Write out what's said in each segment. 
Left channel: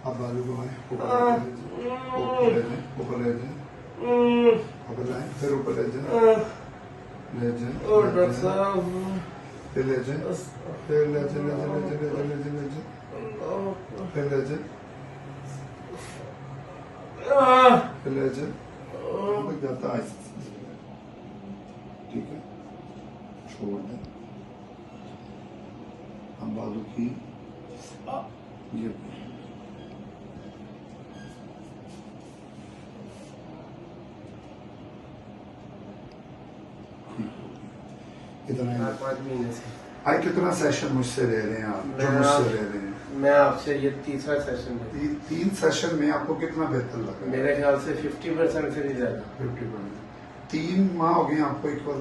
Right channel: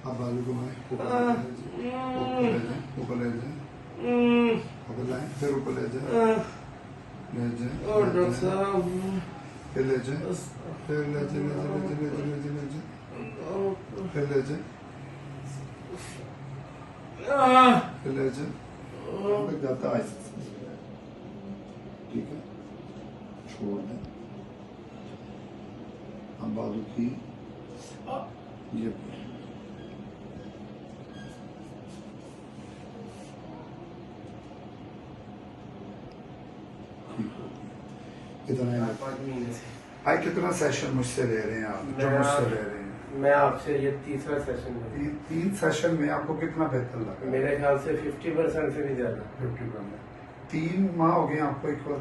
अब बालू घुमाए, ऊपर ले जाए, ऊपर लाए, फिर ऊपर ले जाए, फिर ले जाए, फिर ले जाए, फिर ले जाए, फिर ले जाए, तक जाता है। ठीक है, छोड़ दें। हम बालू की ये कितना 5 महीने से आज कितना सेशन मुझसे ले रहे हैं आप? जो मुझसे ले रहे हैं मैं आपसे ये तीसरा सेशन है। 3 सेशन में आपको कितना बेहतर लगा? मेरे ख्याल से 50% से भी ज्यादा। 50%। 3 माह हो गए आपको एक बार?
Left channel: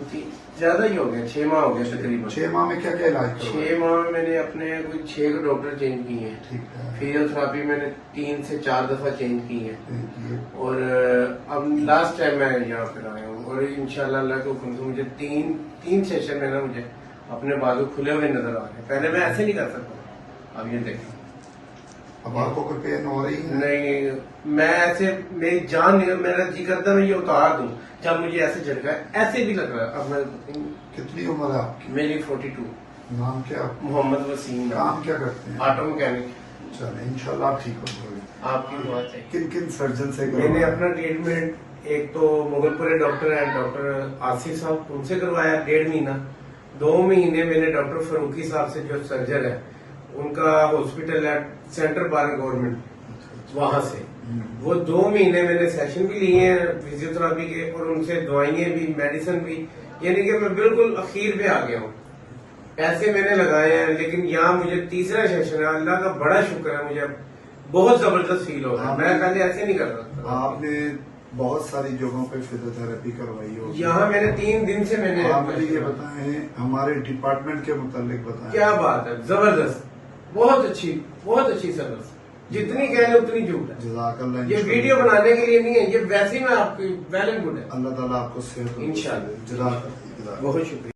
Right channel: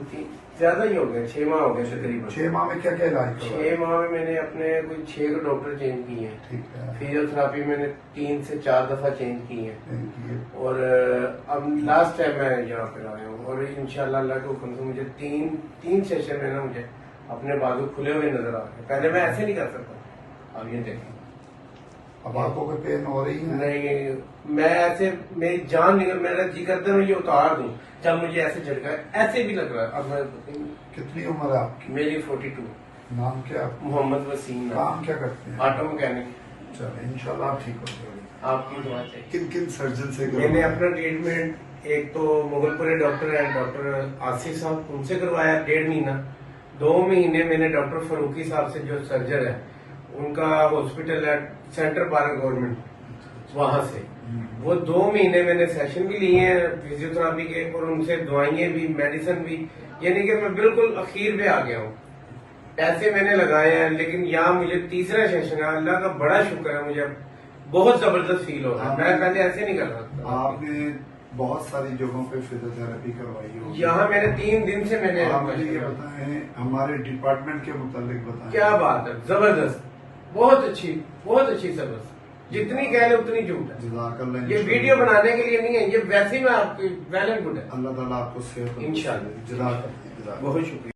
ज्यादा ही हो गया, 6 माह हो गए तकरीबन। 6 माह में क्या क्या इलाज करवाया? 6 माह में मैंने अपने कोई 6 डॉक्टर चेंज किए हैं। ठीक है, फिजियोथेरापी मैंने 3 से 4 दफा चेंज की है। Thank you. और अब लास्ट टाइम मैं यहाँ पर आया हूँ और इंशाल्लाह अल्लाह के हुक्म से मुझे तीन सेशन में ना मुझे अपने बाजू खुले हुए नजर आ रहे। पहले मैं ऐसे नहीं कर सकता, अब ये देखो। अब आपको कोई पेन हो रही है? नहीं, मैं ऐसे मेरी जान नहीं, मेरा जी करता मैं ये उतार दूं जब मुझे ऐसे झटका है, ऐसे भी लग रहा है। अब मैं कितनी उम्र है आपकी? मेरी 42। नाम क्या? मोहम्मद वसीम। काम क्या करते हैं? Auto mechanic. चलो इंशाल्लाह आप ठीक हो जाएंगे। आपकी दुआ चाहिए। किन किन सर्जन से मैंने अपना ट्रीटमेंट एक तो मुगलपुरे डॉक्टर है, डॉक्टर आसिफ साहब, उनसे करवाया 1.5 महीना। 2 महीने मैंने डॉक्टर फरूकी साहब से जो सर्जन है उनका हॉस्पिटल है सेंटर बार गवर्नमेंट, वहां से वो 2 महीने मैंने सेशन भी लिए हैं फिजियोथेरापी के और उनसे दवाइयां भी मेडिसिन भी, यानी कि मैं बिल्कुल अखीर पे आ गया हूँ। पैसे मैंने लगाए हैं लेकिन यहाँ मुझे तीसरा सेशन है, अल्लाह का बड़ा शुक्र है, मुझे बहुत जबरदस्त फील हो रहा है। मैं पहले ऐसे नहीं कर रहा था। आपने बहुत सारी जगहों पे फिजियोथेरेपी करवाई हो? यहाँ मैंने 3 दिन से मैंने आप मुझे ये बताएं हमारे डिपार्टमेंट के मुतालिक बताएं। क्या बात है, जबरदस्त, बहुत अच्छी सर्विस, जितनी कह ले उतनी झूठ है। जज़ाकल्लाह। ये वीडियो बनाने के लिए नहीं है, ये वैसे ही मैं आपकी वेल एंड गुड है। अल्लाह ताला आपको सेहत इंशाल्लाह। जज़ाकल्लाह। बहुत शुक्रिया।